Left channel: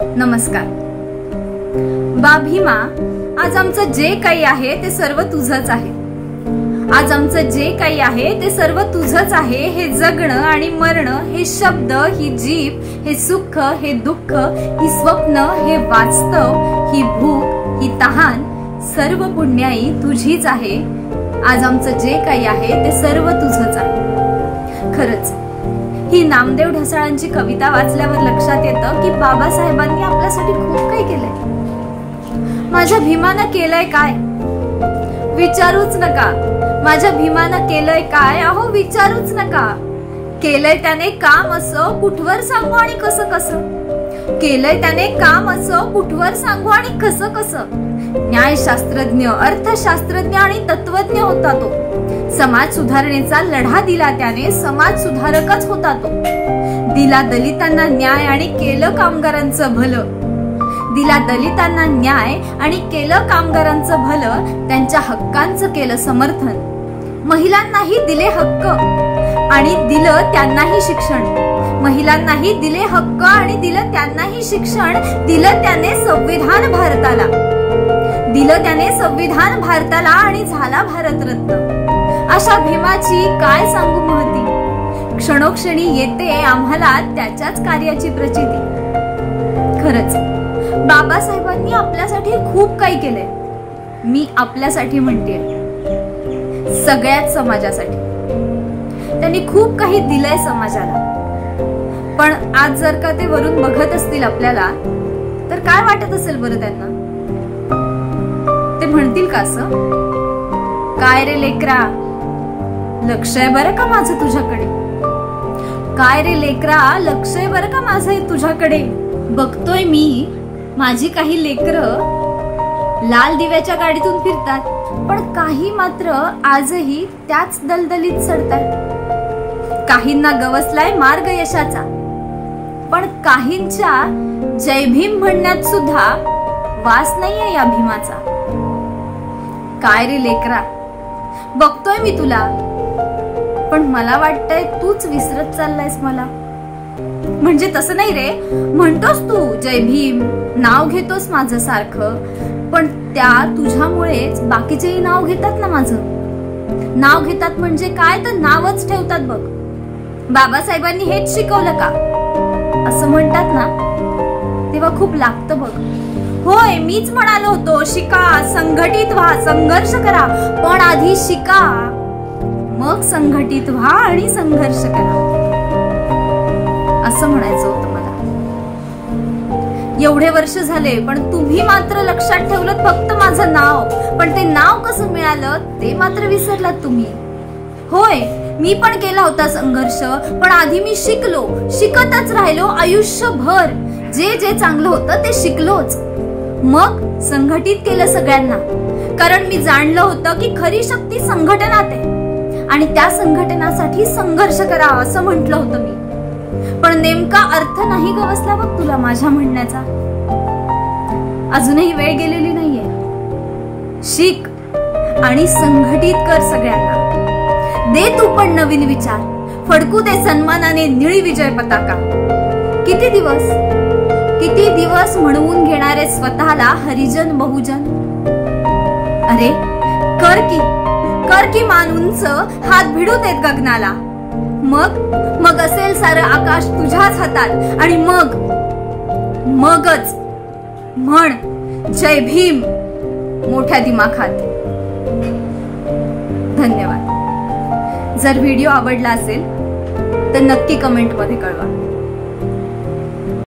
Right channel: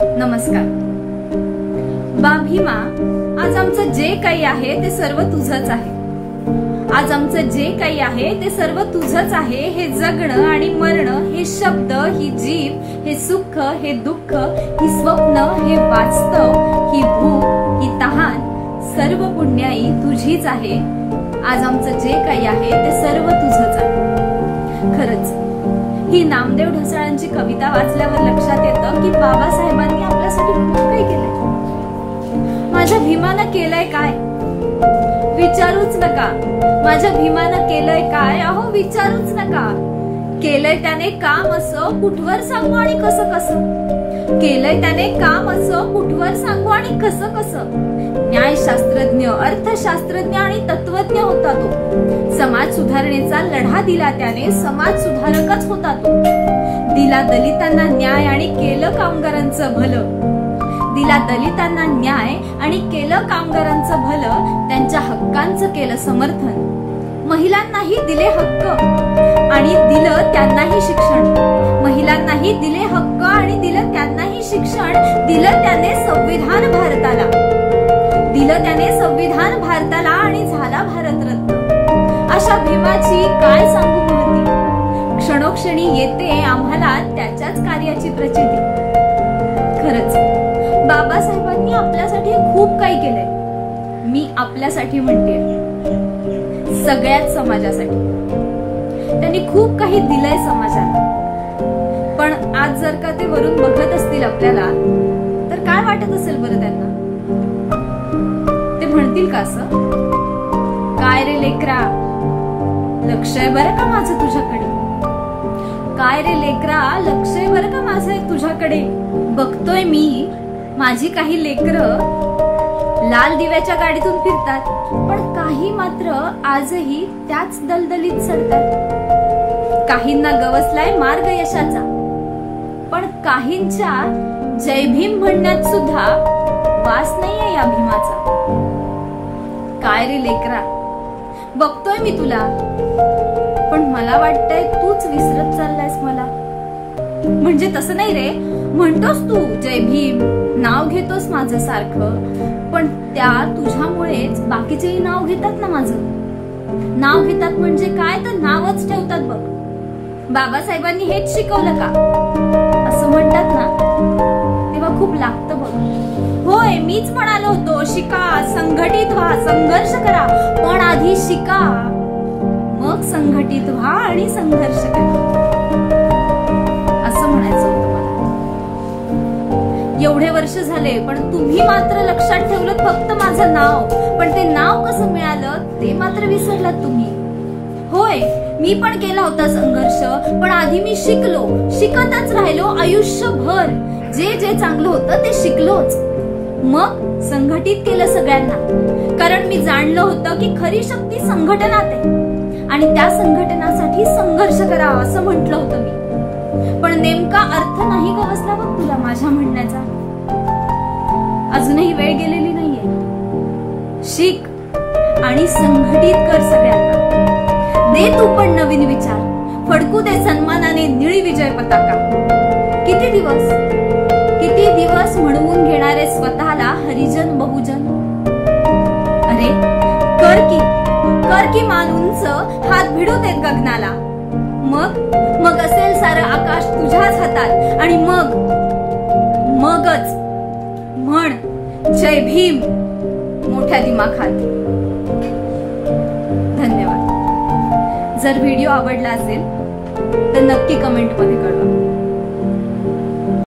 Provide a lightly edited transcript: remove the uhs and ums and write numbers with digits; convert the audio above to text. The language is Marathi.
नमस्कार. बा भीमा, आज आमचं जे काही आहे ते सर्व तुझंच आहे. आज आमचं जे काही आहे ते सर्व तुझंच आहे. हे जगणं आणि मरणं, हे शब्द, ही जीभ, हे सुख, हे दुःख, ही स्वप्न, हे वास्तव, ही भूक, ही तहान, सर्व पुण्याई तुझीच आहे. आज आमचं जे काही आहे ते सर्व तुझंच आहे. खरंच ही नामदेव ढसाळांची कविता वाचल्यावर लक्षात येतं की बाबासाहेबांनी आपल्यासाठी खूप काही केलंय. माझ्या भीमानं केलंय काय विचारूच नका. माझ्या भीमानं केलंय काय, अहो विचारूच नका. केलंय त्याने काम असं, कुठवर सांगू आणि कसं कसं. केलंय त्याने काम असं, कुठवर सांगू आणि कसं कसं. न्यायशास्त्रज्ञ, अर्थशास्त्रज्ञ आणि तत्वज्ञ होता तो. समाज सुधारणेचा लढा दिला त्याने, समाज सुधारकच होता तो. दिला दलितांना न्याय आणि केलं कामगारांचं भलं. दिला दलितांना न्याय आणि केलं कामगारांचं भलं. त्यांच्या हक्कांचं केलं समर्थन. महिलांनाही दिले हक्क आणि दिलं त्यांनाही शिक्षण. महिलांनाही दिले हक्क आणि दिलं त्यांनाही शिक्षण. दिलं त्याने संविधान भारताला. दिलं त्याने संविधान भारताला आणि झाला भारतरत्न. अशा भीमाची काय सांगू महती. क्षणोक्षणी येते आम्हाला त्याच्याच कार्याची प्रचिती. खरंच बाबासाहेबांनी आपल्यासाठी खूप काही केलंय. मी आपल्यासाठी म्हणते, सगळ्याच समाजासाठी. त्यांनी खूप काही दिलंय समाजाला. पण आज जर का ते वरून बघत असतील आपल्याला तर काय वाटत असेल बरं त्यांना. ते म्हणतील का असं, काय रे लेकरा, लक्ष आहे बरं का माझं तुझ्याकडे. काय रे लेकरा, लक्ष आहे बरं का माझं तुझ्याकडे. बघतोय मी माझी काही लेकरं लाल दिव्याच्या गाडीतून फिरतात, पण काही मात्र आजही त्याच दलदलीत सडतात. काहींना गवसलाय मार्ग यशाचा, पण काहींच्या जय भीम म्हणण्यात सुद्धा वास नाहीये या भीमाचा. काय रे लेकरा, बघतोय मी तुला, पण मला वाटतंय तूच विसरत चाललायस मला. म्हणजे तसं नाही रे, म्हणतोस तू जय भीम, नाव घेतोस माझं सारखं, पण त्या तुझ्यामुळेच बाकीचेही नाव घेतात ना माझं. नाव घेतात म्हणजे काय, तर नावच ठेवतात बघ. बाबासाहेबांनी हेच शिकवलं का असं म्हणतात ना, तेव्हा खूप लागतं बघ. होय, मीच म्हणालो होतो, शिका, संघटित व्हा, संघर्ष करा, पण आधी शिका, मग संघटित व्हा आणि संघर्ष करा, असं म्हणायचं होतं मला. एवढे वर्ष झाले पण तुम्ही मात्र लक्षात ठेवलं फक्त माझं नाव, पण ते नाव कसं मिळालं ते मात्र विसरलात तुम्ही. होय, मी पण केला होता संघर्ष, पण आधी मी शिकलो, शिकतच राहिलो आयुष्यभर. जे जे चांगलं होतं ते शिकलोच, मग संघटित केलं सगळ्यांना. कारण मी जाणलं होतं की खरी शक्ती संघटनात आहे आणि त्या संघटनासाठी संघर्ष करा असं म्हटलं होतं मी. पण नेमका अर्थ नाही गवसला बघ तुला माझ्या म्हणण्याचा. अजूनही वेळ गेलेली नाहीये. शिक आणि संघटित कर सगळ्यांना. दे तू पण नवीन विचार, फडकू दे सन्मानाने निळी विजय पताका. किती दिवस म्हणवून घेणारे स्वतःला हरिजन बहुजन. अरे कर की मान उंच, हात भिडू देत गगनाला. मग असेल सारं आकाश तुझ्याच हातात आणि मगच म्हण जय भीम मोठ्या दिमाखात. धन्यवाद. जर व्हिडिओ आवडला असेल तर नक्की कमेंट मध्ये कळवा.